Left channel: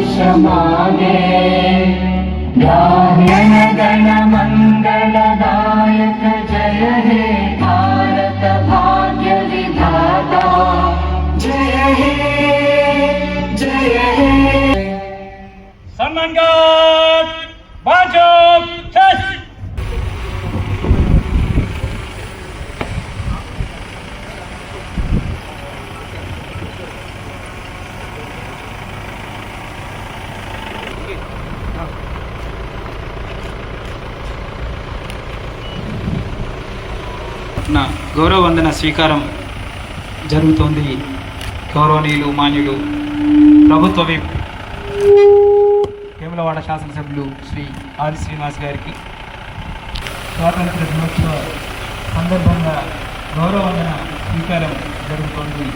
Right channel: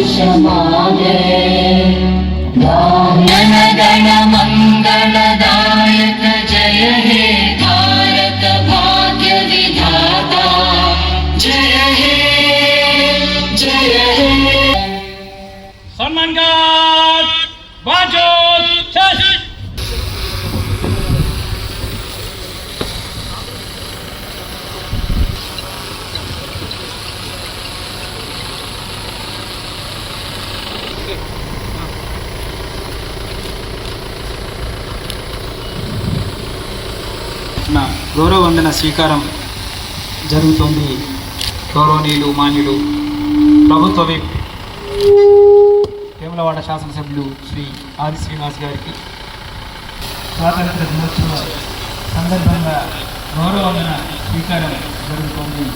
വർഷമാകെ ഗാനഗണമ స్వీకారం జరుగుతోంది. గౌరవనీయులు మాన్యులు ప్రభుత్వ విప్ వేములవాడ శాసనసభ్యులు శ్రీ ఆది శ్రీనివాస్ గారికి స్వాతంత్ర దినోత్సవ సందర్భంగా గౌరవమైన స్వీకారం జరుగుతోంది.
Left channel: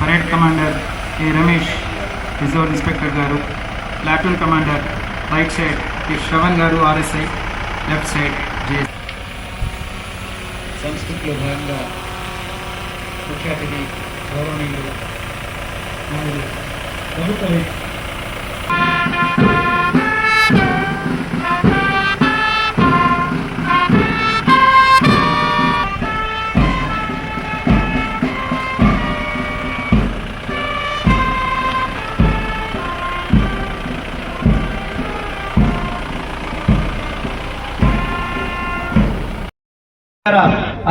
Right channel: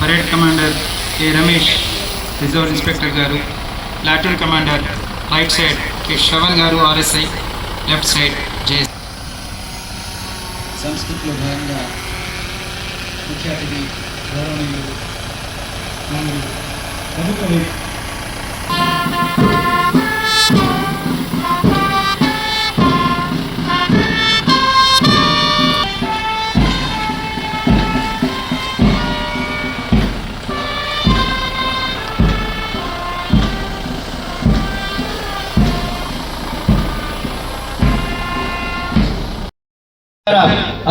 Parade commander K. Ramesh reserve inspector గారు platoon commander right side K. Shravan గారు ఆర్ఎస్ఐ లెఫ్ట్ సైడ్ జే సంస్కృతిలో భాగంగా ముఖ్య అతిథి గౌరవనీయులు మరియు ప్రభుత్వ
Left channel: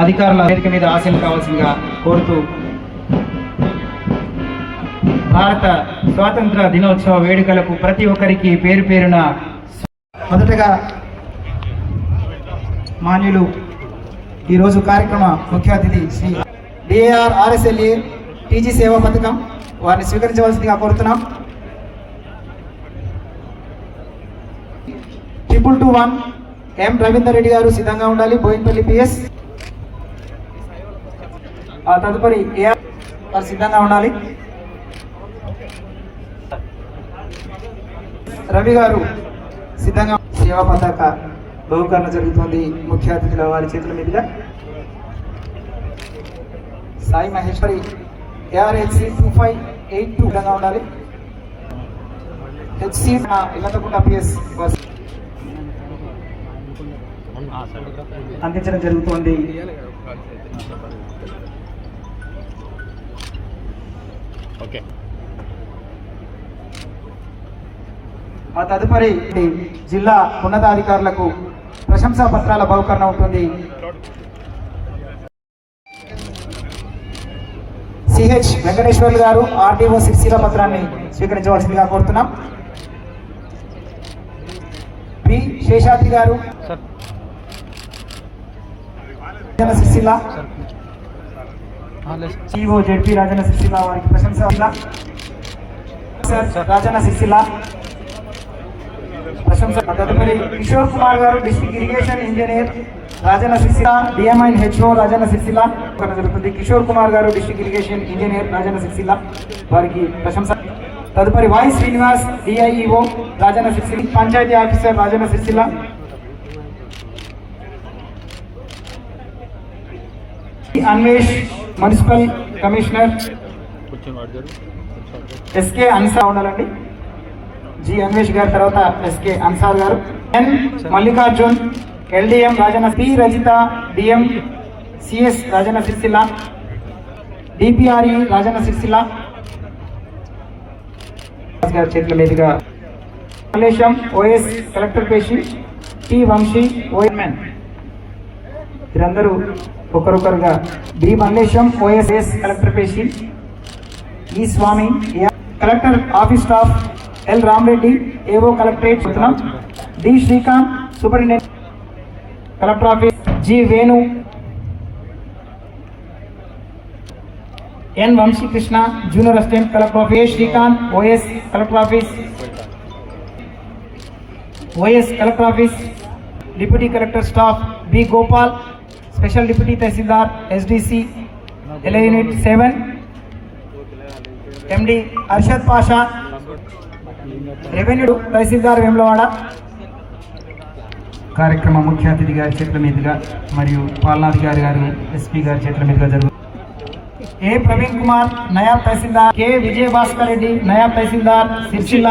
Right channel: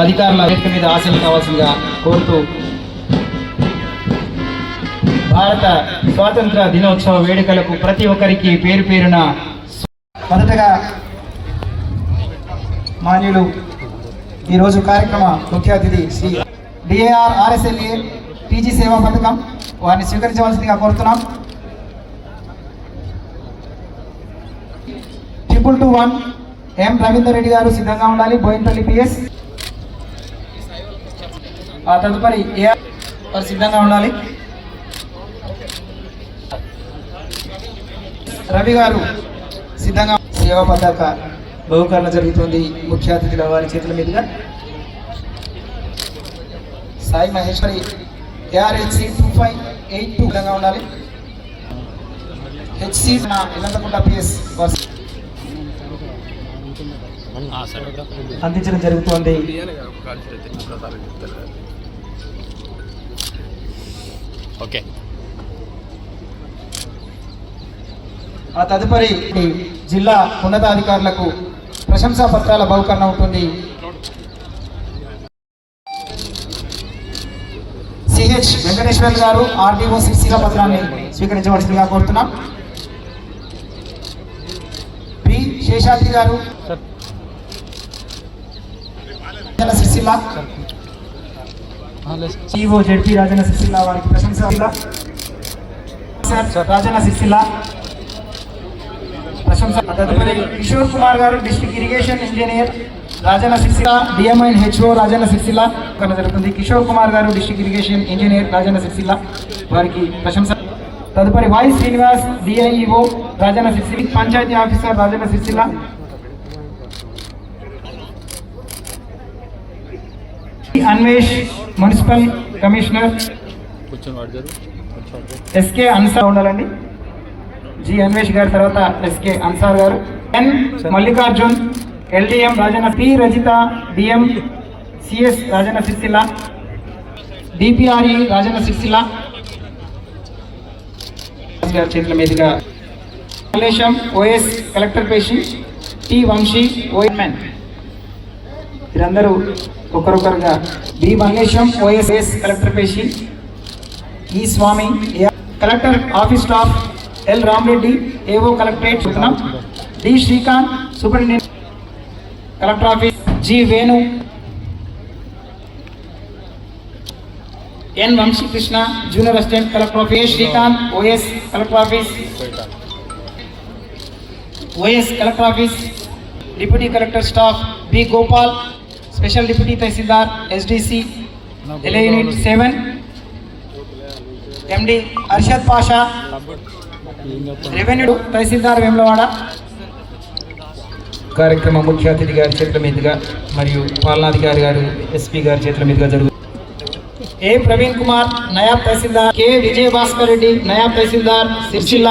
అధికారుల వేదిక మీద ఆశలు కావాల్సిందిగా కోరుతూ భారత స్వాతంత్ర దినోత్సవ వేడుకలకు ప్రతి ఒక్కరికి పేరు పేరున మొదటగా మాన్యులు ఈరోజు కార్యక్రమ ముఖ్య అతిథి శ్రీ డిఏఆర్ ఆర్ఎస్ఎల్ఏ టీజీ సేవా పథకం వారిని స్వీకరించవలసిందిగా కోరుతున్నాం. Triple two one M Ravinder Reddy గారు సిద్ధంగా ఉండాలి. బోయినపల్లి పిఎస్ తదుపరి ఏ వారు సిద్ధంగా ఉండాలి? రవి గారు సిద్ధంగా సేవా పతాక బహుకరణ జరుగుతుంది. ముఖ్య అతిథుల వారి చేతుల మీదుగా. Sai Maheshwari ARHC two five eight two విధంగా ఉండాలి. హెచ్సి ఇలందకుంట పిఎస్ బస్. అందించడం జరుగుతోంది. ఓకే. ఆ తదుపరి జిల్లా ఉన్నతాధికారులకు ప్రశంసా పత్రాల బహుకరణ ఉంటుంది. సిహెచ్ వెంకటేశ్వర్లు గారు ఆర్డీఓ సిరిసిల పత్రాన్ని స్వీకరించవలసిందిగా కోరుతున్నాం. పి శేషాద్రి గారు. Rajanna EO ZP ZP Rajanna Sircilla వారికి ప్రశంస సార్ రాజన్న సిరిసిల్ల. ప్రశంస తదుపరి కిషోర్ కుమార్ గారు district irrigation engineer Rajanna Sircilla. DMI HO Rajanna Sircilla. కన్నా జరుగుతుంది. కిషోర్ కుమార్ గారు district irrigation engineer Rajanna Sircilla. వారికి ప్రశంస. తదుపరి Y Srinivas DIEO Rajanna Sircilla. Panchayat officer Rajanna Sircilla. Anvesh municipal commissioner. SK Ansar ఉండాలండి. జి అన్వేష్ గారి తర్వాత ఎస్కే అన్సార్ గారు. N Mallikarjun LDM Rajanna P Rajitha DM CS Rajanna Sircilla DPRE Rajanna Sircilla. గారి చేతుల మీదుగా మలేషం ఓఎస్ కలెక్టర్ పేషి T Vamsi OMN వీరందరూ ఒకరొకరుగా B Mallesham OSS collector పేషి E Swamy A- collector office staff L Ramareddy AO collectorate చెప్తున్నాం. D Srikanth superintendent collector office G Venu N Vamshi Krishna junior assistant collector office Srikanth OS collector office OS collector office deputy collector staff B Gopal special deputy tahsildar SDC LA unit seven MD Arshad Pasha revenue tahsildar Vemulawada. కార్యక్రమం ముఖ్య అతిథి గారి చేతుల మీదుగా మరియు పాలనాధికారి గారు SP గారి చేతుల మీదుగా జరుగుతుంది ఏ ప్రవీణ్ కుమార్ నయాబ్ తహసీల్దార్ కె విజయ భాస్కర్ రెడ్డి నయాబ్ తహసీల్దార్ సిరిసిల్ల.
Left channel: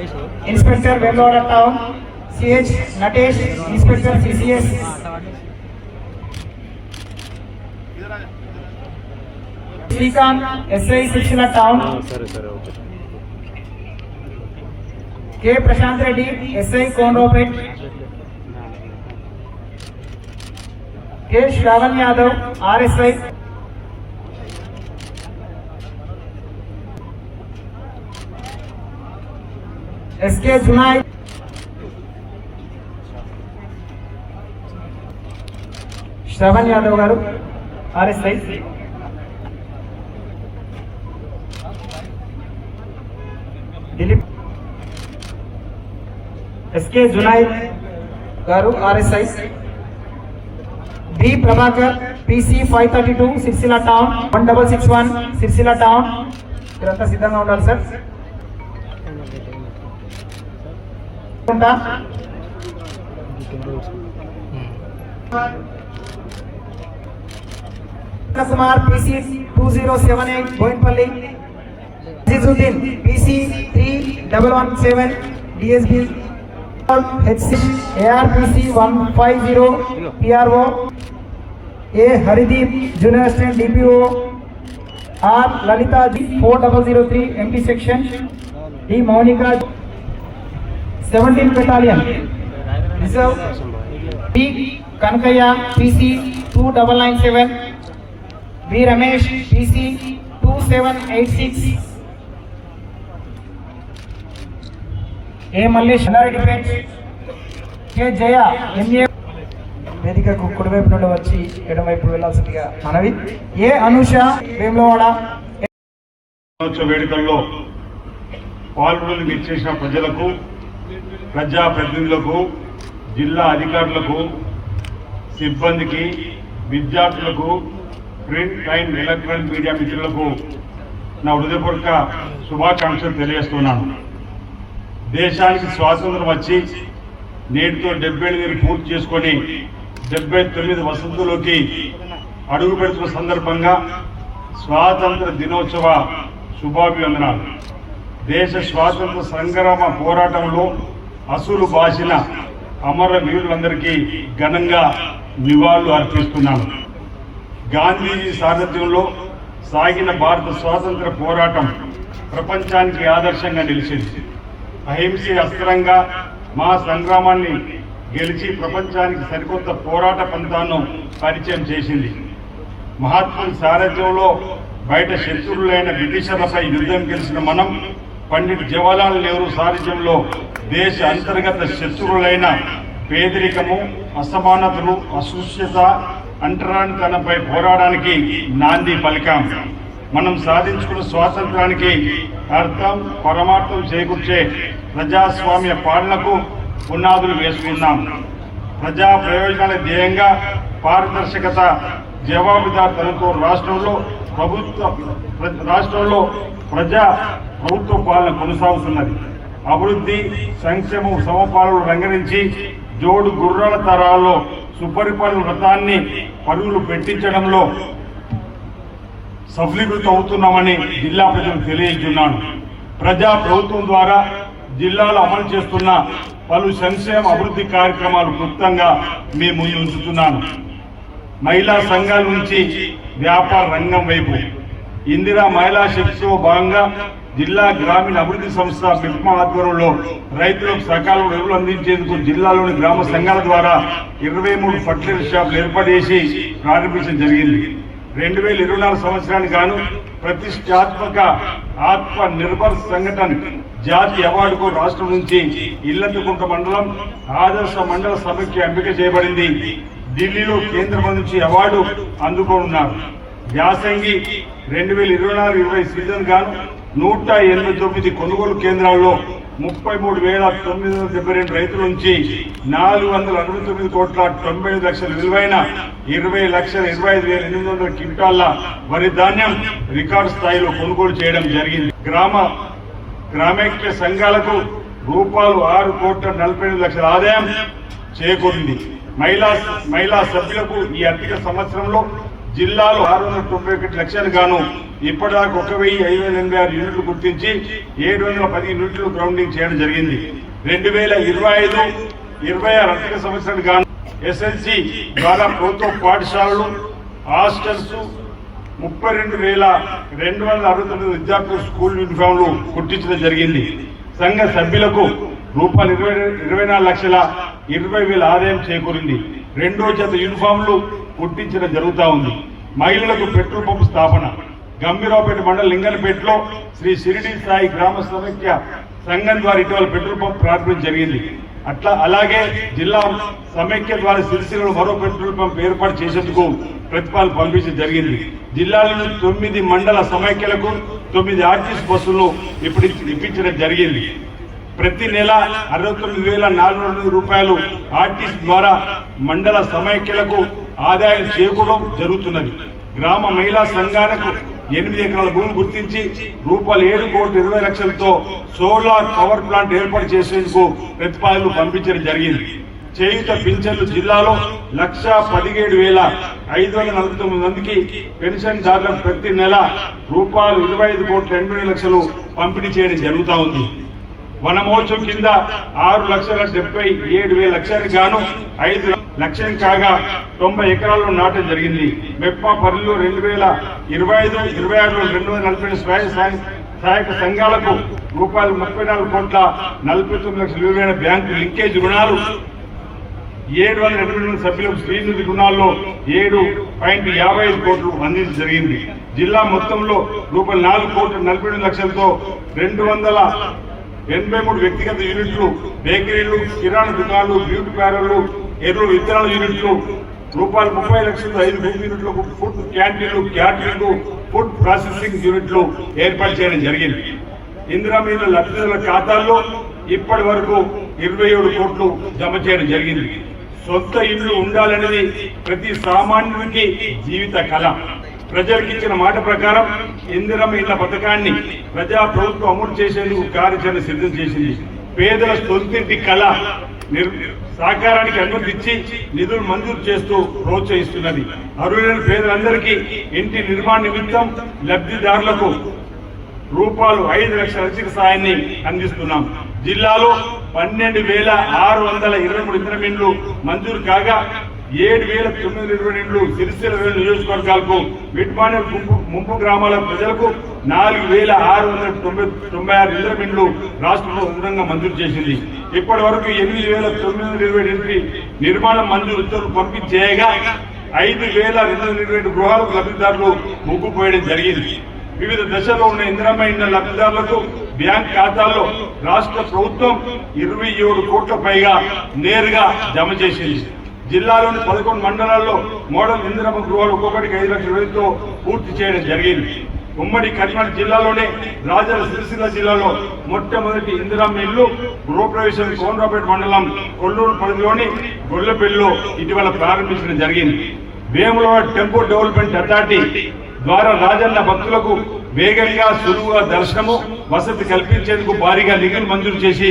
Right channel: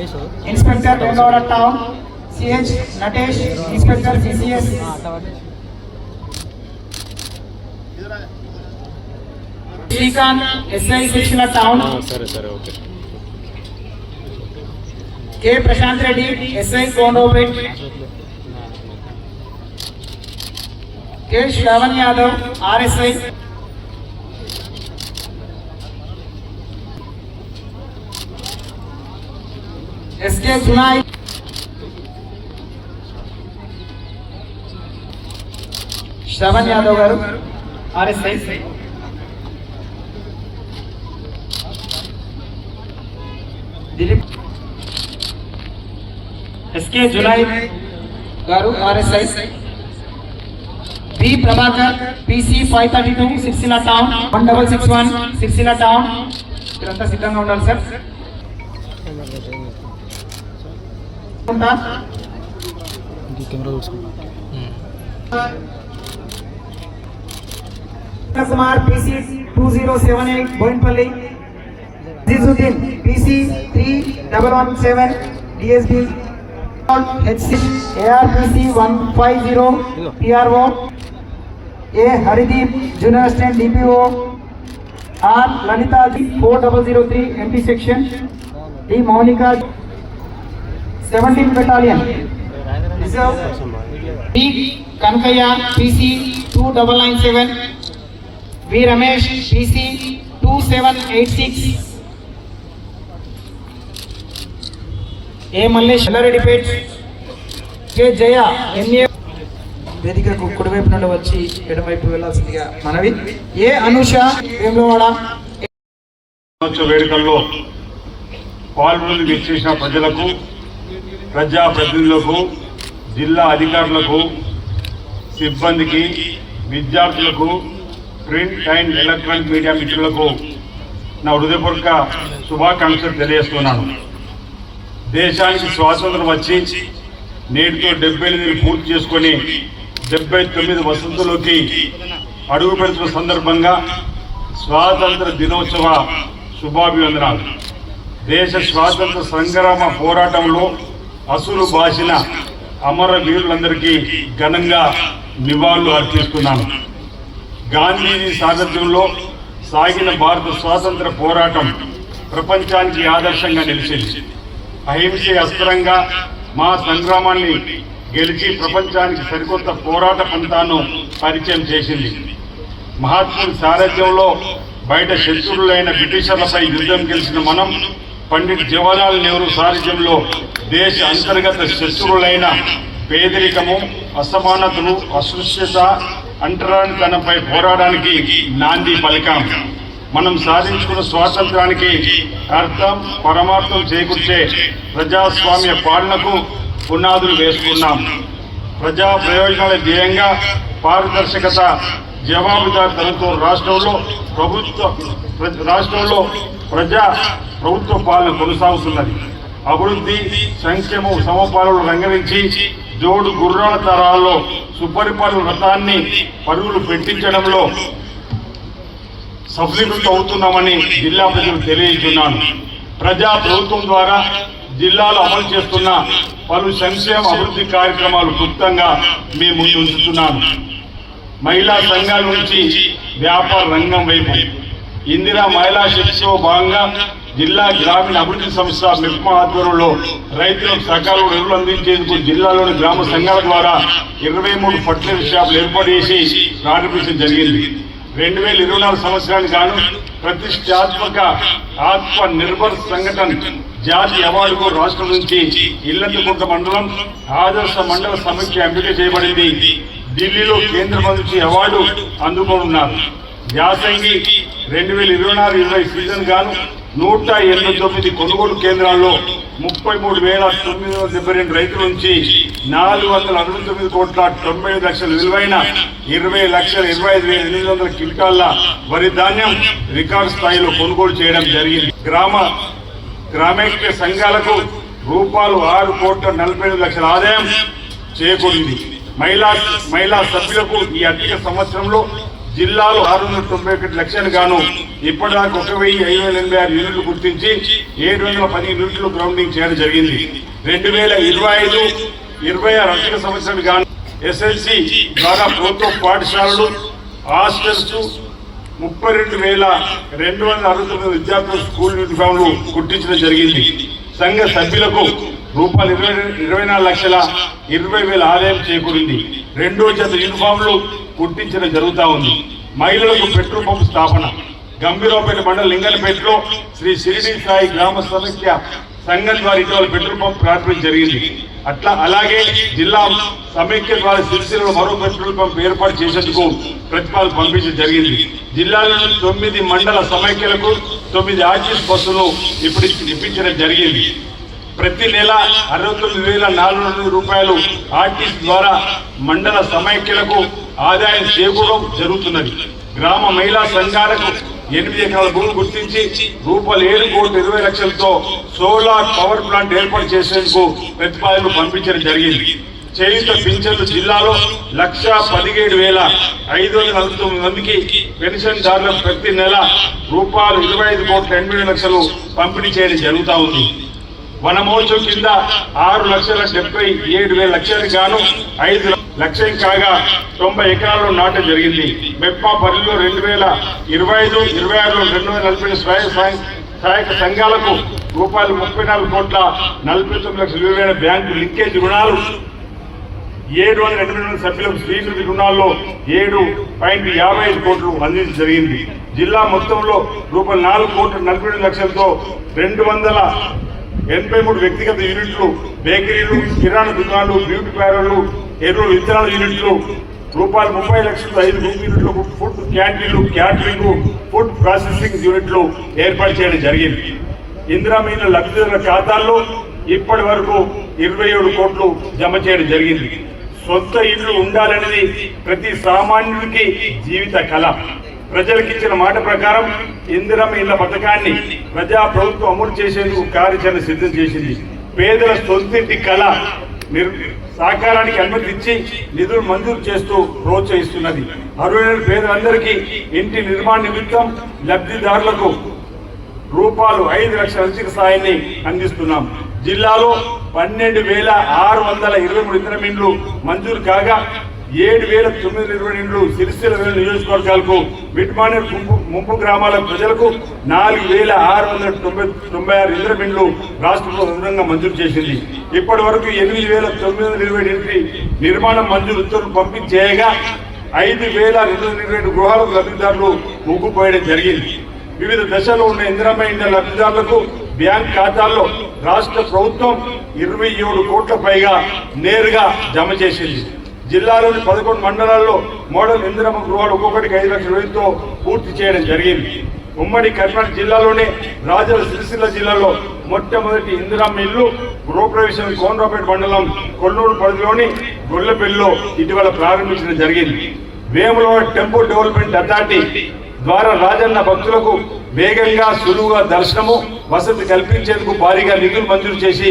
వంశీ మాకు దివ్య జ్యోతి ఒక inspector Vegavada town CH Natesh inspector CCS Srikanth SI శిక్షణ టౌన్ సరే సరే okay K Prashanth Reddy SI Kondopet K Shravan Yadav RSI SK Junai Shravan Yadav గారు ఆర్ఎస్ఐ దిలీప్ ఎస్కే జునాయ్ గారు RSI B Prabhakar PC five thirty two Sircilla town one double six one Sircilla town మీరంతా సిద్ధంగా ఉండాలి sir ఉంటా. Kumar PC two zero seven eight Boinpalli Azizuddin PC three double one seven DSB HC ARPC one five zero PRO A Harideep junior assistant seventeen battalion reserve B Kanakaiah PC two double nine seven V Ramesh PC two seven eight six A Mallesh Yellareddypet K Jaya MA వేదికకు కుడివైపు నుండి వచ్చి ఎడమవైపు వెళ్ళాల్సిందిగా మనవి. ఏ అనుష వేములవాడ వేడుకల్లో పాల్గొని విచ్చేసిన ప్రజలకు ప్రజాప్రతినిధులకు జిల్లా అధికారులకు సిబ్బందికి విద్యార్థులకు ప్రింట్ అండ్ ఎలక్ట్రానిక్ మీడియా మిత్రులకు నా హృదయపూర్వక శుభాకాంక్షలు తెలియజేస్తున్నాను. దేశానికి స్వాతంత్రం వచ్చి నేటితో డెబ్బై ఎనిమిది పూర్తి చేసుకొని డెబ్బై తొమ్మిది వసంతులోకి అడుగు పెడుతున్న సందర్భంగా స్వాతంత్ర దినోత్సవ శుభాభివందనాలు. దేశ స్వాతంత్ర సంగ్రామ పోరాటంలో అసులు బాసిన అమర వీరులందరికీ ఘనంగా నివాళులు అర్పిస్తున్నాను. గాంధీజీ సారథ్యంలో సాగిన భారత స్వాతంత్ర పోరాటం ప్రపంచానికి ఆదర్శంగా నిలిచింది. అహింసే అస్త్రంగా మా సంగ్రామాన్ని గెలిచి ప్రపంచానికి సరికొత్త పోరాట పంతాను పరిచయం చేసింది. మహాత్ముడి సారథ్యంలో బయట శత్రువులైన బ్రిటిషర్లపై యుద్ధం గెలిచిన మనం పండిట్ జవహర్లాల్ నెహ్రూ సారథ్యంలో దేశ అంతర్గత శత్రువులైన పేదరికము అసమానతలు అస్పృశ్యత అంటరానితనంపై పోరాడానికి నాంది పలికాం. మనం సాధించుకున్న స్వాతంత్రానికి అర్థం పరమార్థం చేకూర్చే ప్రజాస్వామ్య పాలనకు పునాదులు వేసుకున్నాం. ప్రజా ప్రయోజనాల ధ్యేయంగా పారదర్శకత జవాబుదారితనంతో రాష్ట్రంలో ప్రభుత్వ రాష్ట్రంలో ప్రజా ప్రభుత్వ పాలన కొనసాగుతున్నది. అభివృద్ధి సంక్షేమం సమపాలన రంగరించి జోడు గుర్రాల తరాల్లో సుపరిపాలన వ్రతాన్ని పరుగులు పెట్టించడంలో సఫలీకృతం అవుతున్నామని జిల్లా ప్రజలకు తెలియజేస్తున్నాను. ప్రజా ప్రభుత్వం ద్వారా జిల్లాలో అమలు చేస్తున్న పలు సంక్షేమ అభివృద్ధి కార్యక్రమాలు క్లుప్తంగా మీ ముందు ఉంచుతున్నాను. మహిళా సంఘాల నుంచి వ్యాపార రంగం వైపు ఇందిరా మహిళా శిక్షలో భాగంగా జిల్లా గ్రామీణ అభివృద్ధి సంస్థ మిప్మా ఆధ్వర్యంలో రైతులకు సకాలం ఎరువులు అందించేందుకు జిల్లాలోని గ్రామ సంఘాల ద్వారా ఇరవై మూడు ఫర్టిలైజర్ షాపులు ఏర్పాటు చేసి ప్రారంభించడం జరిగింది. రెండు వేల ఇరవై నాలుగు సంవత్సరానికి గాను ప్రతిష్టాత్మక ఆత్మ నిర్భర్ సంఘటన జాతీయ అవార్డుకు రాష్ట్రం నుంచి ఇల్లందుకుంట మండలం ఆదర్శ మండల సమైక్య ఎంపిక చేయబడింది. ఢిల్లీలో కేంద్ర మంత్రి అవార్డు అందుకోనున్నారు. యాసంగి రెండు వేల ఇరవై నాలుగు ఇరవై సీజన్ గాను నూట ఎనభై తొమ్మిది కొనుగోలు కేంద్రాల్లో ముప్పై మూడు వేల తొమ్మిది వందల డెబ్బై రెండు రైతుల నుంచి నాలుగు వందల అరవై తొమ్మిది కోట్ల తొంభై ఐదు లక్షల విలువైన ఇరవై లక్షల ఇరవై ఐదు వేల ఎనిమిది వందల క్వింటాల వరి ధాన్యం రికార్డు స్థాయిలో కొనుగోలు చేయడం జరిగింది. గ్రామ గ్రామైక్య సంఘాలకు రూపాయలు ఆరు కోట్ల నలభై ఐదు లక్షల ఆదాయం చేకూరింది. మహిళా మహిళా సభ్యులకు ఈ అధిక సంవత్సరంలో జిల్లాలో ఆరు వందల తొంభై ఒకటి లక్షలు గాను ఇప్పటిదాకా ఒక వెయ్యి ఐదు వందల ఎనభై ఆరు యూనిట్లు గుర్తించి ఏడు వందల పది యూనిట్లు గ్రౌండింగ్ చేయడం జరిగింది. రెండు వేల ఇరవై ఐదు ఇరవై ఆరు ఆర్థిక సంవత్సరాలు గాను ఎస్ఎల్సి ద్వారా ప్రభుత్వ పాఠశాలలు హాస్టల్స్ ముప్పై రెండు వేల రెండు వందల అరవై తొమ్మిది విద్యార్థులు స్కూల్ యూనిఫామ్లు కుట్టించడం జరిగింది. సంఘ సభ్యులకు రూపాయలు ఇరవై ఇరవై నాలుగు లక్షల ఇరవై వేల ఆదాయం చేకూరింది. రెండో జత యూనిఫామ్లు గుర్తించడం జరుగుతా ఉంది. మహిళలకు పెట్రోల్ పంప్ స్థాపన. గంభీరావుపేట మండల లింగనపేటలో శ్రీ షిరిడి సాయి గ్రామ సమస్య సంఘం ద్వారా ఇటీవల పెట్రోల్ పంప్ ప్రారంభించడం జరిగింది. అట్లా అలాగే జిల్లా సమైక్య ద్వారా సిరిసిల్లలో మరో పెట్రోల్ పంప్ ఏర్పాటు చేసేందుకు ప్రతిపాదన పంపించడం జరిగింది. జిల్లాలోని తొమ్మిది మండల సమైక్యలకు తొమ్మిది ఆర్టీసీ బస్సులు ఇప్పుడు ఇప్పించడం జరిగింది. ప్రతి నెల అరవై తొమ్మిది వేల నాలుగు వందల రూపాయలు ఆర్టీసీ ద్వారా మండల సమైక్యలకు ఆదాయం చేకూరడం జరుగుతున్నది. గ్రామ మహిళా సంఘాలకు ఎనిమిది ఎకరాల భూమి గుర్తించి రూపాయలు ఏడు కోట్ల ఇరవై లక్షలతో సోలార్ పవర్ ప్లాంట్ ఏర్పాటు చేసేందుకు ప్రతిపాదనలు పంపించడం జరిగింది. చేయుత పింఛన్లు జిల్లాలో లక్ష పదిహేడు వేల ఐదు వందల నలభై తొమ్మిది మందికి పెన్షన్ దారులకు ప్రతి నెల రూపాయలు ఇరవై ఐదు కోట్ల ఎనభై లక్షలు పంపిణీ చేయడం జరుగుతా ఉంది. వనమోత్సవం కింద ఆరు లక్షల డెబ్బై ఏడు వేల లక్షలకు గాను ఐదు లక్ష్యం కాగా తొంభై ఎకరాల్లో నాటం జరిగింది. మెప్పా పరిధిలో రెండు వేల ఇరవై ఐదు ఇరవై ఆరులో రెండు వందల నలభై స్వయం సహాయ సహాయక సంఘాలకు రూపాయలు ముప్పై నాలుగు కోట్ల నలభై తొమ్మిది లక్షల విలువైన బ్యాంకు లింకేజ్ రుణాలు ఏడు వందల ఎనభై మంది సభ్యులకు శ్రీనిధి రుణాల్లో ఏడు పాయింట్ యాభై ఐదు కోట్లు అందించడం జరిగింది. జిల్లా మొత్తంలో రూపాయలు నాలుగు కోట్ల నలభై రెండు లక్షలతో రెండు వందల ఎనభై మూడు వ్యక్తిగత యూనిట్లు బేకరీలు కిరాణా దుకాణాలు బ్యూటీ పార్లర్లు ఎరువులు విత్తనాల యూనిట్లు రూపాయలు ముప్పై లక్షల ఐదు భూమి యూనిట్లకు ఫుడ్ క్యాంటీన్లు క్యాంటీన్లు ఫుడ్ ప్రాసెసింగ్ యూనిట్లు ఏర్పాటు చేయడం జరిగింది. ఇందిరా మీద లబ్ధిదారుల ఖాతాల్లో ఇప్పటి వరకు ఇరవై ఏడు కోట్లు జమ చేయడం జరిగింది. సొంత ఇల్లు ఉండాలనేది ప్రతి సామాన్యుడికి జీవిత కళ. ప్రజలకు ఇచ్చిన మాట ప్రకారం ఇందిరమ్మ ఇళ్ళ పథకాన్ని ప్రజా ప్రభుత్వం అమలు చేసేందుకు కార్యాచరణ సిద్ధం చేసింది. పేదల సొంతింటి కళ సహకారానికి అనుమతి ఇచ్చి నిధులు మంజూరు చేస్తూ ప్రోత్సహిస్తున్నది. అర్హులైన పేదలందరికీ ఇంటి నిర్మాణ నిమిత్తం లబ్ధిదారులకు రూపాయలు ఐదు లక్షల ఆర్థిక సాయాన్ని అందిస్తున్నాం. జిల్లాలో పన్నెండు వేల ఆరు వందల ఇరవై మూడు ఇతర మంజూరు కాగా ఏడు వేల తొమ్మిది ఇరవై రెండు సిరిసిల్ల నియోజకవర్గాలకు విట్మాని ముంపు ముంపు గ్రామాల ప్రజలకు నాలుగు వేల ఆరు వందల తొంభై తొంభై ఆరు ఇతర రాష్ట్ర ప్రభుత్వంగా మంజూరు చేసింది. ఇప్పటి వరకు ఎనిమిది వేల తొమ్మిది వందల ఇరవై ఎనిమిది నిర్మాణం మంజూరు ఉత్తర్వులు పంపించేయగా ఐదు వేల రెండు వందల ఇరవై రెండు గృహాలకు లబ్ధిదారులు ముగ్గుపోయడం జరిగింది. వివిధ దశలో ఉన్న ఇంద్రమైన లబ్ధిదారులకు బ్యాంక్ ఖాతాల్లో రాష్ట్ర ప్రభుత్వం ఇరవై ఏడు కోట్ల పైగా నేరుగా జమ చేసింది. జిల్లాలోని పదకొండు మండలాల్లో మోడల్ ఇందిరమ్మ గృహాలు ఒక్కొక్కటికి ఐదు లక్షల రూపాయలతో పూర్తి చేయడం జరిగింది. ఉమ్మడి కర్ణాటక జిల్లాలోనే రాజల సిరిసిల్ల జిల్లాలో మొట్టమొదటి ఇందిరమ్మ ఇల్లు గృహప్రవేశం కోనరాపేట మండలం కొల్లూరు పరిధిలోని గొల్లపల్లిలో ఇటీవల ప్రారంభించడం జరిగింది. వేములో టెంపుల్ డెవలప్మెంట్ అథారిటీ ద్వారా రాజన్న భక్తులకు వేగంగా సులువుగా దర్శనము వసతి కల్పించేందుకు భారీగా నిధులు మంజూరు చేసి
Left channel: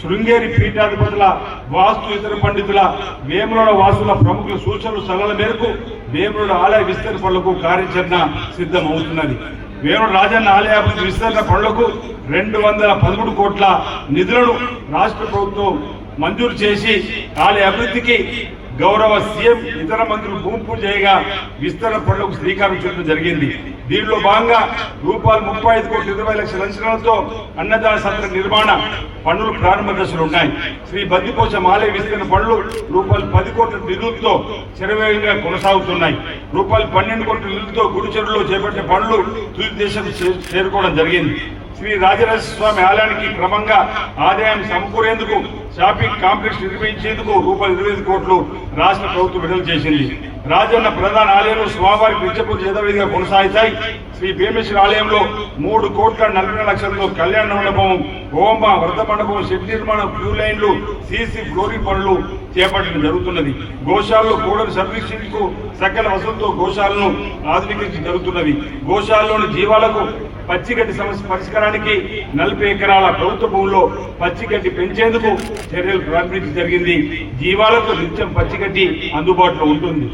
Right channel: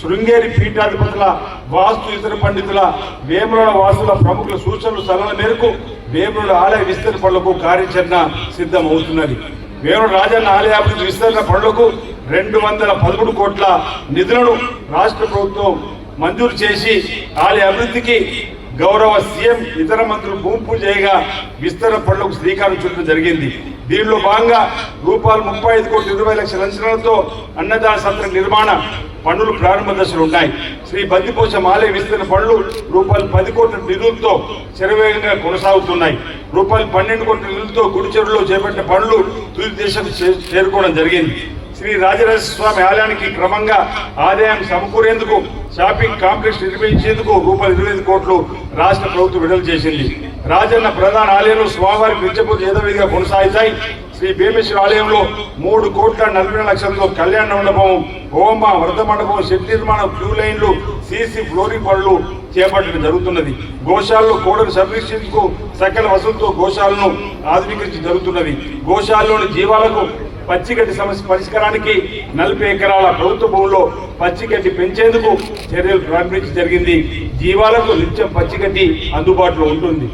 శృంగేరి పీఠాధిపతుల వాస్తు ఇతర పండితుల వేముల వాసుల ప్రముఖుల సూచనలు సలహల మేరకు వేముల ఆలయ విస్తరణ పనులకు కార్యాచరణ సిద్ధమవుతున్నది. అవుతున్నది రాజన్న ఆలయాభివృద్ధి విస్తరణ పనులకు రెండు వందల పదమూడు కోట్ల నిధులను రాష్ట్ర ప్రభుత్వం మంజూరు చేసి ఆలయ అభివృద్ధికి గౌరవ సీఎం ఇతర మంత్రులు భూమి పూజ చేయగా విస్తరణ పనులకు శ్రీకారం చుట్టూ జరిగింది. దీనిలో భాగంగా రూపాయలు ముప్పై ఐదు కోట్ల ఇరవై లక్షల అంచనాలతో అన్నదాన సత్ర నిర్మాణ పనులు ప్రారంభ దశలు ఉన్నాయి. శ్రీ బద్దిపోచ ఆలయ విస్తరణ పనులు రూపాయలు పది కోట్ల నిధులతో శరవేగంగా కొనసాగుతున్నాయి. రూపాయలు పన్నెండు కోట్ల నిధులతో గుడిచెరులో చేపట్టిన పనులు తుది దేశం చే- చేరుకోవడం జరిగింది. శ్రీ రాజరాజేశ్వర స్వామి ఆలయానికి క్రమంగా ఆదాయం సమకూరేందుకు షాపింగ్ కాంప్లెక్స్ నిర్వహించేందుకు రూపాయలు ఇరవై ఐదు కోట్లు రాష్ట్ర ప్రభుత్వం విడుదల చేసింది. రాజన్న ప్రధాన ఆలయంలో స్వామివారికి నిత్యపూజ యథావిధిగా కొనసాగుతాయి. శ్రీ భీమేశ్వర ఆలయంలో మూడు కోట్ల నలభై లక్షలతో కళ్యాణ మండపం హోమ వ్రత మండపం శక్తి నిర్మాణం క్యూ లైన్లు సీసీ ఫ్లోరింగ్ పనులు చేపట్టడం జరుగుతున్నది. గోశాలలో కోడలు సంరక్షించుకు సకల వసతులతో గోశాలను ఆధునీకరించి జరుగుతున్నది. గోశాలలోని జీవాలకు పచ్చిగడ్డి సమస్య పరిష్కారానికి నలభై ఎకరాల ప్రభుత్వ భూముల్లో పచ్చిగడ్డి పెంచేందుకు చర్యలు ప్రారంభించడం జరిగింది. జీవాలకు నిత్యం పచ్చిగడ్డి అందుబాటులో ఉంటుంది.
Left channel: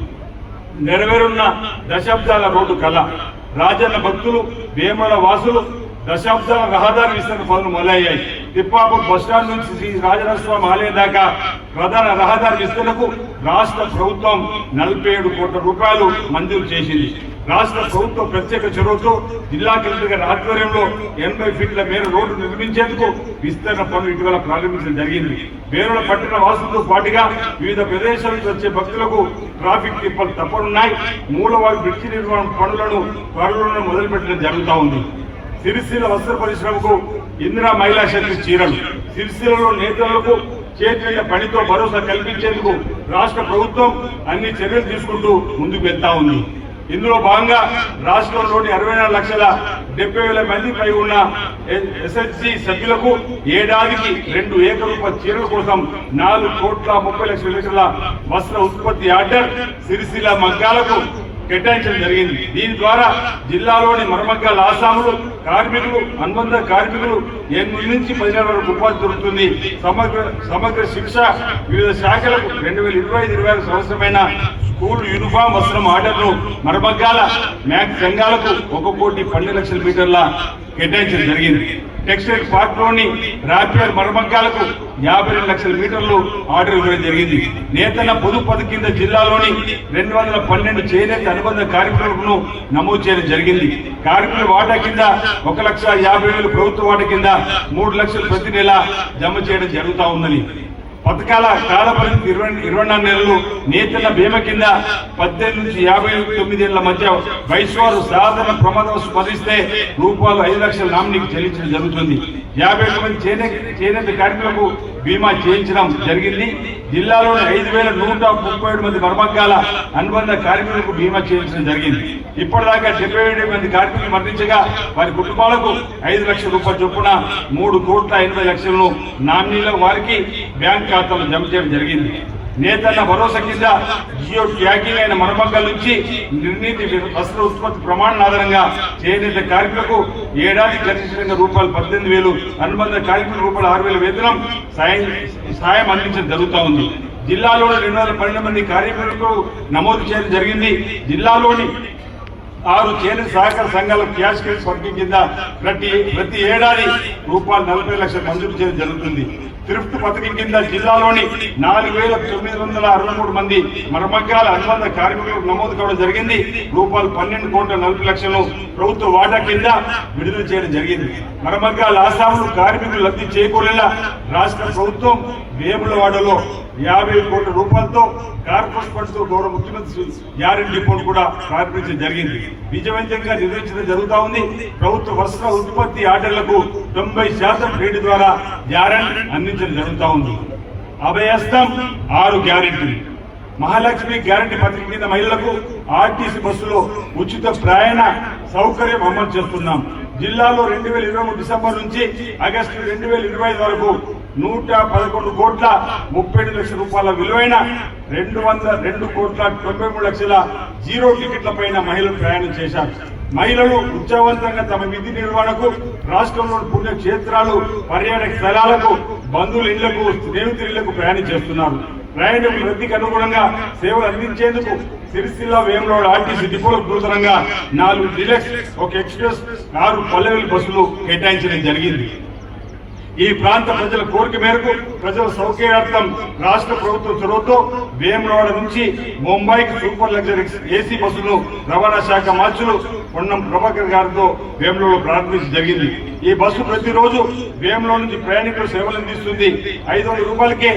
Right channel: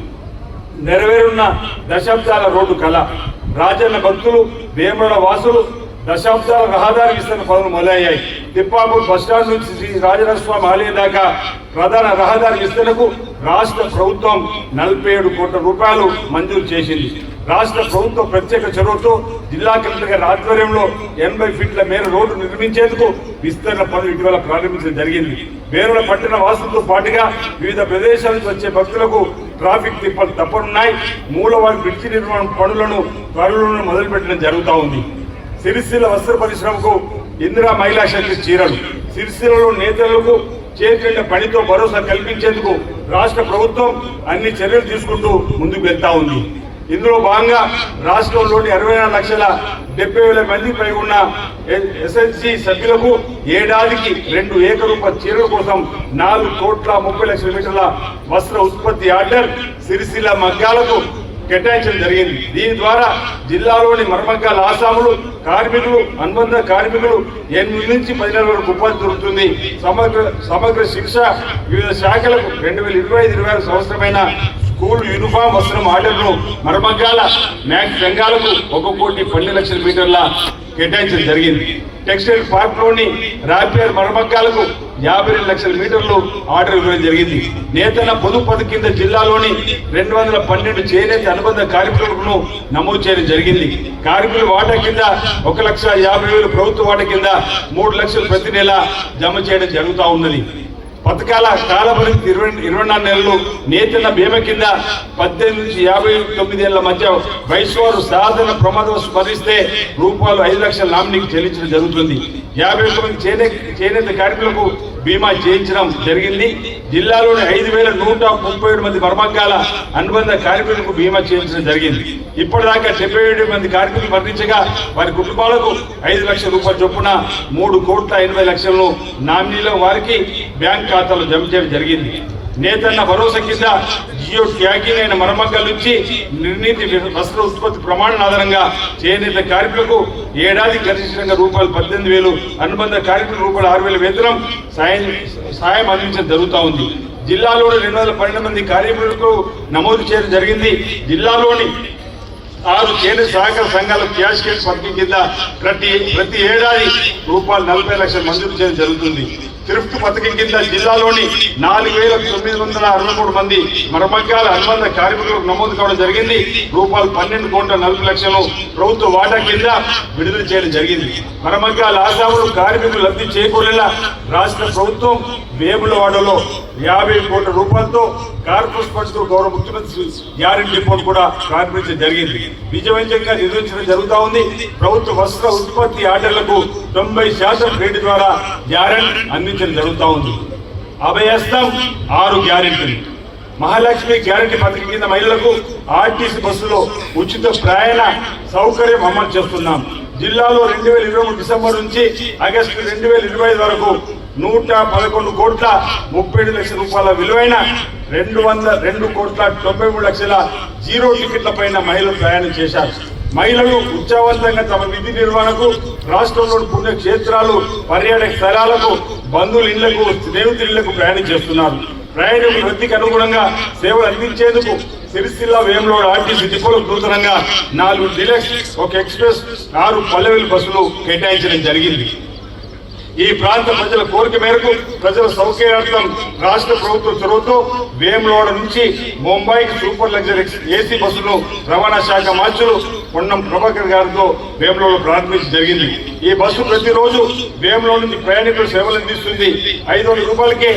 నెరవేరున్న దశాబ్దాల రోడ్డు కళ. రాజన్న భక్తులు భీమల వాసులు దశాబ్దాల రహదారి విస్తరణ పనులు మొదలయ్యాయి. తిప్పాపూర్ బస్టాండ్ నుంచి శ్రీ రాజనరస్వామి ఆలయం దాకా ప్రధాన రహదారి విస్తరణకు రాష్ట్ర ప్రభుత్వం నలభై ఏడు కోట్ల రూపాయలు మంజూరు చేసింది. రాష్ట్ర ప్రభుత్వం ప్రత్యేక చొరవతో జిల్లా కలెక్టర్ గారి ఆధ్వర్యంలో ఎనభై ఫీట్ల మేర రోడ్డు నిర్మించేందుకు విస్తరణ పనులు ఇటీవల ప్రారంభించడం జరిగింది. వేరుల పట్టణ వాసులతో పాటుగా వివిధ ప్రదేశాల నుంచి వచ్చే భక్తులకు ట్రాఫిక్ తిప్పలు తప్పనున్నాయి. మూలవారి బ్రిడ్జి నిర్మాణం పనులను త్వరలోనే మొదలుపెట్టడం జరుగుతూ ఉంది. సిరిసిల్ల వస్త్ర పరిశ్రమకు ఇందిరా మహిళా శక్తి చీరలు సిరిసిల్లలో నేతలకు చేతుల పనితో భరోసా కల్పించేందుకు రాష్ట్ర ప్రభుత్వం అన్ని చర్యలు తీసుకుంటూ ముందుకు వెళ్తా ఉంది. ఇందులో భాగంగా రాష్ట్రంలోని అరవై నాలుగు లక్షల డెబ్బై వేల మంది పై ఉన్న ఎస్ఎస్సి సభ్యులకు ఏడాదికి రెండు ఏకరూప చీరల కోసం నాలుగు కోట్ల ముప్పై లక్షల లీటర్ల వస్త్ర ఉత్పత్తి ఆర్డర్ సిరిసిల్ల మగ్గాలకు కేటాయించడం జరిగింది. దీని ద్వారా జిల్లాలోని మర్మగ్గాల ఆసాములు కార్మికులు అనుబంధ కార్మికులు ఎనిమిది నుంచి పదిహేను వరకు ఉపాధి దొరుకుతుంది. సమగ్ర సమగ్ర శిక్ష వివిధ శాఖలకు రెండు వేల ఇరవై ఐదు ఇరవై ఆరు సంవత్సరమైన స్కూల్ యూనిఫామ్ వస్త్రం ఆర్డర్ను మరమగ్గాల మ్యాక్స్ సంఘాలకు ఒక కోటి పన్నెండు లక్షల మీటర్ల కేటాయించడం జరిగింది. టెక్స్టైల్ పార్క్లోని రాపిడ్ మరమగ్గాలకు యాభై రెండు లక్షల మీటర్లు ఆర్డర్ ఇవ్వడం జరిగింది. నేతన్న పొదుపు పథకం కింద జిల్లాలోని రెండు వందల పన్నెండు చేనేత అనుబంధ కార్మికులను నమోదు చేయడం జరిగింది. కార్మికుల వాటా కింద ఒక లక్ష యాభై వేలు ప్రభుత్వ వాటా కింద మూడు లక్షలు ప్రతి నెల జమ చేయడం జరుగుతూ ఉన్నది. పథకాల కాల ఇరవై ఇరవై నాలుగు నెలలు నేతన్న బీమా కింద పద్దెనిమిది నుంచి యాభై తొమ్మిది ఏళ్ళ మధ్య వయసు వారు సాధన ప్రమాదం స్మరిస్తే రూపాయలు ఐదు లక్షల నామినీకి చెల్లించడం జరుగుతుంది. యాభై ఒక్క మంది చేనేత చేనేత కార్మికులకు బీమా చేయించడం జరిగింది. జిల్లాలోని ఐదు వేల నూట ముప్పై ఏడు మంది మర్మకాల అనుబంధ కార్మికులకు బీమా చేయించడం జరిగింది. ఇప్పటిదాకా డెబ్బై ఏడు మంది కార్మికులు మరణించగా వారి కుటుంబాలకు ఐదు లక్షల రూపాయల చొప్పున మూడు కోట్ల ఎనభై లక్షలను నామినీలో వారికి బ్యాంక్ ఖాతాలో జమ చేయడం జరిగింది. నేతన్న భరోసా కింద జియో ట్యాగింగ్ అయిన మరమగ్గల నుంచి నిర్ణీతి వస్త్ర ఉత్పత్తి ప్రమాణం ఆధారంగా చేనేత కార్మికులకు ఏడాది గరిష్టంగా రూపాయలు పద్దెనిమిది వేలు అనుబంధ కార్మికుల రూపాయలు ఆరు వేల వేతనం సాయం సాయం అందించడం జరుగుతూ ఉంది. జిల్లాలోని రెండు వందల పన్నెండు మంది కార్మికులకు నమోదు చేయడం జరిగింది. జిల్లాలోని ఆరు కేంద్ర సహకార సంఘాల క్యాష్ కేస్ పథకం కింద ప్రతి ప్రతి ఏడాది రూపాయలు నలభై లక్షలు మంజూరు చేయడం జరుగుతుంది. తిరుపతి పథకం కింద జిల్లాలోని నాలుగు వేల తొమ్మిది వందల అరవై మూడు మంది మరమగ్గాల అనుబంధ కార్మికులకు నమోదు కావడం జరిగింది. రూపాయలు పన్నెండు కోట్ల నలభై లక్షలు ప్రభుత్వ వాటా కింద విడుదల చేయడం జరిగింది. మరమగ్గాల ఆశాములు కార్మికులు లబ్ధి చేకూరేలా రాష్ట్ర ప్రభుత్వం వేములవాడలో యాభై కోట్ల రూపాయలతో కార్పొరేట్ ఫండ్స్ గౌరవ ముఖ్యమంత్రి గ్యారెంటీ రిపోర్ట్ కూడా ప్రారంభించడం జరిగింది. విజయవంతంగా నిర్వహించడం జరుగుతూ ఉంది. ప్రభుత్వ వస్త్ర ఉత్పత్తి ఆర్డర్లకు తొంభై శాతం రేటు ద్వారా గ్యారెంటీ అందించడం జరుగుతూ ఉంది. అభయస్తం ఆరు గ్యారెంటీలు. మహాలక్ష్మి గ్యారంటీ పథకం కింద మహిళలకు ఆర్టీసీ బస్సులో ఉచిత ప్రయాణ సౌకర్యం అమలు చేస్తున్నాం. జిల్లాలో రెండు వేల ఇరవై మూడు డిసెంబర్ నుంచి ఆగస్టు రెండు వేల ఇరవై ఐదు వరకు నూట పదకొండు కోట్ల ముప్పై ఐదు లక్షల రూపాయల విలువైన రెండు వందల రెండు కోట్ల తొంభై మూడు లక్షల జీరో టికెట్ల పైన మహిళలు ప్రయాణం చేశారు. మహిళలు ఉత్సాహవంతంగా తమ విధి నిర్వహణకు రాష్ట్రంలోని పుణ్యక్షేత్రాలు పర్యాటక స్థలాలకు బంధువుల ఇళ్ళకు స్నేహితులకు ప్రయాణం చేస్తున్నారు. ప్రయాణికుల వృద్ధికి అనుగుణంగా సేవలు అందించేందుకు సిరిసిల్ల వేములోడ్ ఆర్టీసీ డిపోలో నూతనంగా నాలుగు డిలక్స్ ఒక ఎక్స్ప్రెస్ ఆరు పల్లెవేలు బస్సులు కేటాయించడం జరిగింది. ఈ ప్రాంత ప్రజల కోరిక మేరకు ప్రజల సౌకర్యార్థం రాష్ట్ర ప్రభుత్వ చొరవతో వేములోడ నుంచి ముంబైకి సూపర్ లగ్జరీ ఏసీ బస్సులు రవాణా శాఖ మార్చులు పొన్నం ప్రభాకర్ గారితో వేములవాడ ప్రారంభించడం జరిగింది. ఈ బస్సు ప్రతిరోజు వేములో నుంచి ప్రయాణికుల సేవలు అందిస్తుంది. ఐదు వందల రూపాయలకే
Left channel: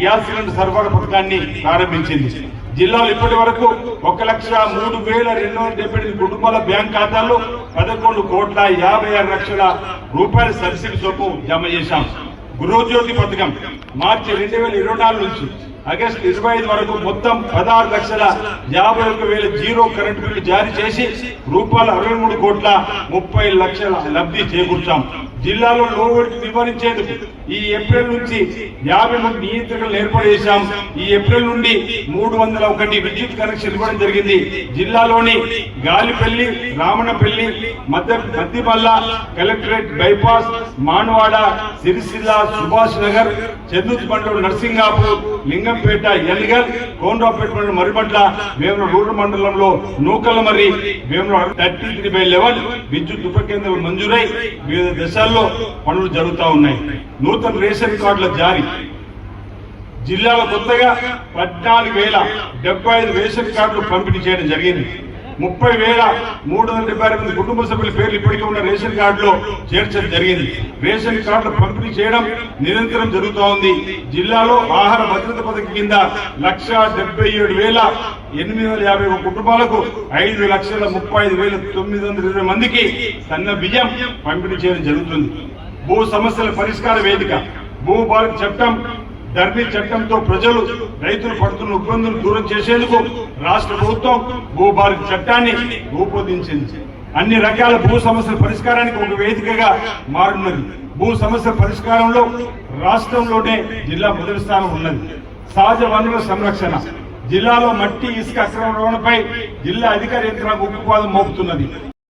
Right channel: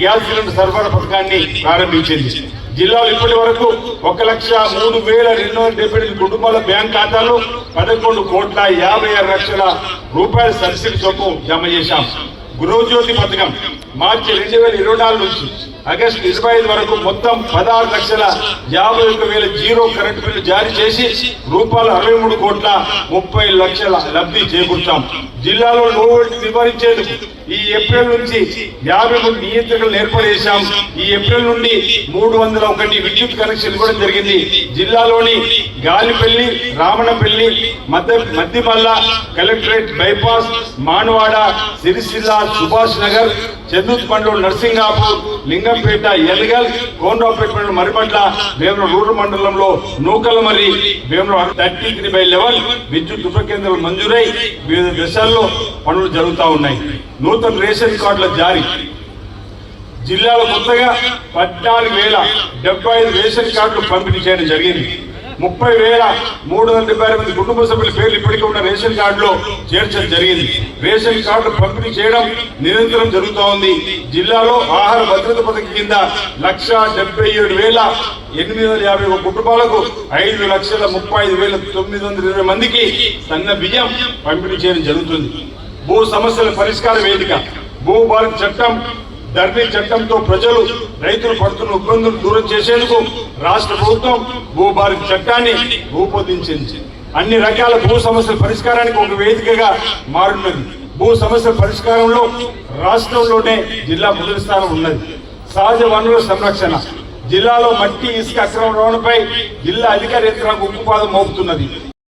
గ్యాస్ సిలిండర్ సరఫరా పథకాన్ని ప్రారంభించింది. జిల్లాలో ఇప్పటి వరకు ఒక లక్ష మూడు వేల రెండు వందల డెబ్బై ఎనిమిది కుటుంబాల బ్యాంక్ ఖాతాలు పదకొండు కోట్ల యాభై ఆరు లక్షల రూపాయల సబ్సిడీ చొప్పు జమ చేశాం. గృహజ్యోతి పథకం మార్చి రెండు వేల ఇరవై నాలుగు నుంచి ఆగస్టు ఇరవై ఐదు వరకు మొత్తం పదహారు లక్షల యాభై ఒక వేల జీరో కరెంట్ బిల్లు జారీ చేసి రూపాయలు అరవై మూడు కోట్ల ముప్పై లక్షల లబ్ధి చేకూర్చాం. జిల్లాలో నోటి నివారించేందుకు ఈ ఏప్రిల్ నుంచి యాభై మూడు నియంత్రణలు ఏర్పాటు చేశాం. ఈ ఏప్రిల్ నుండి మూడు వందల ఒకటి విద్యుత్ కనెక్షన్ ఇవ్వడం జరిగింది. జిల్లాలోని గాలిపల్లి రామణపల్లి మధ్య మద్దిమల్ల కలెక్టరేట్ బైపాస్ మానవాడ సిరిసిల్ల సుభాష్ నగర్ చందుత్ మండల్ నర్సింగాపూర్ లింగంపేట ఎల్గల్ కోనరావుపేట మండలం మరిపట్ల వేముల రూరల్ మండలంలో Nukalamarri Vemula thirty three by eleven విద్యుత్ ఉప కేంద్రాలు మంజూరై వివిధ దశల్లో పనులు జరుగుతూ ఉన్నాయి. నూతన రేషన్ కార్డుల జారీ. జిల్లాలో కొత్తగా పద్నాలుగు వేల డెబ్బై ఐదు రేషన్ కార్డులు పంపిణీ చేయడం జరిగింది. ముప్పై వేల మూడు వందల డెబ్బై మంది కుటుంబ సభ్యుల పేర్లు ఇప్పటికే ఉన్న రేషన్ కార్డులో చేర్చడం జరిగింది. రేషన్ కార్డు పంపిణీ చేయడం నిరంతరం జరుగుతూ ఉంది జిల్లాలో ఆహార భద్రత పథకం కింద లక్ష డెబ్బై ఏడు వేల ఎనిమిది వందల యాభై ఒక కుటుంబాలకు ఐదు లక్షల ముప్పై ఐదు వేల తొమ్మిది వందల ఇరవై మందికి సన్న బియ్యం పంపిణీ చేయడం జరుగుతుంది. భూ సమస్యల పరిష్కార వేదిక భూ చట్టం ధరణి చట్టంతో ప్రజలు రైతులు పడుతున్న ఇబ్బందులు దూరం చేసేందుకు రాష్ట్ర ప్రభుత్వం భూభారతి చట్టాన్ని రూపొందించింది. అన్ని రకాల భూ సమస్యల పరిష్కారానికి ఒక వేదికగా మారున్నది. భూ సమస్యల పరిష్కారంలో రాష్ట్రంలోనే జిల్లా మొదటి స్థానం ఉన్నది. సహజ వనరుల సంరక్షణ. జిల్లాలో మట్టి ఇసుక అక్రమ రవాణాపై జిల్లా అధికార యంత్రాంగం ఉక్కుపాదం మోపుతున్నది.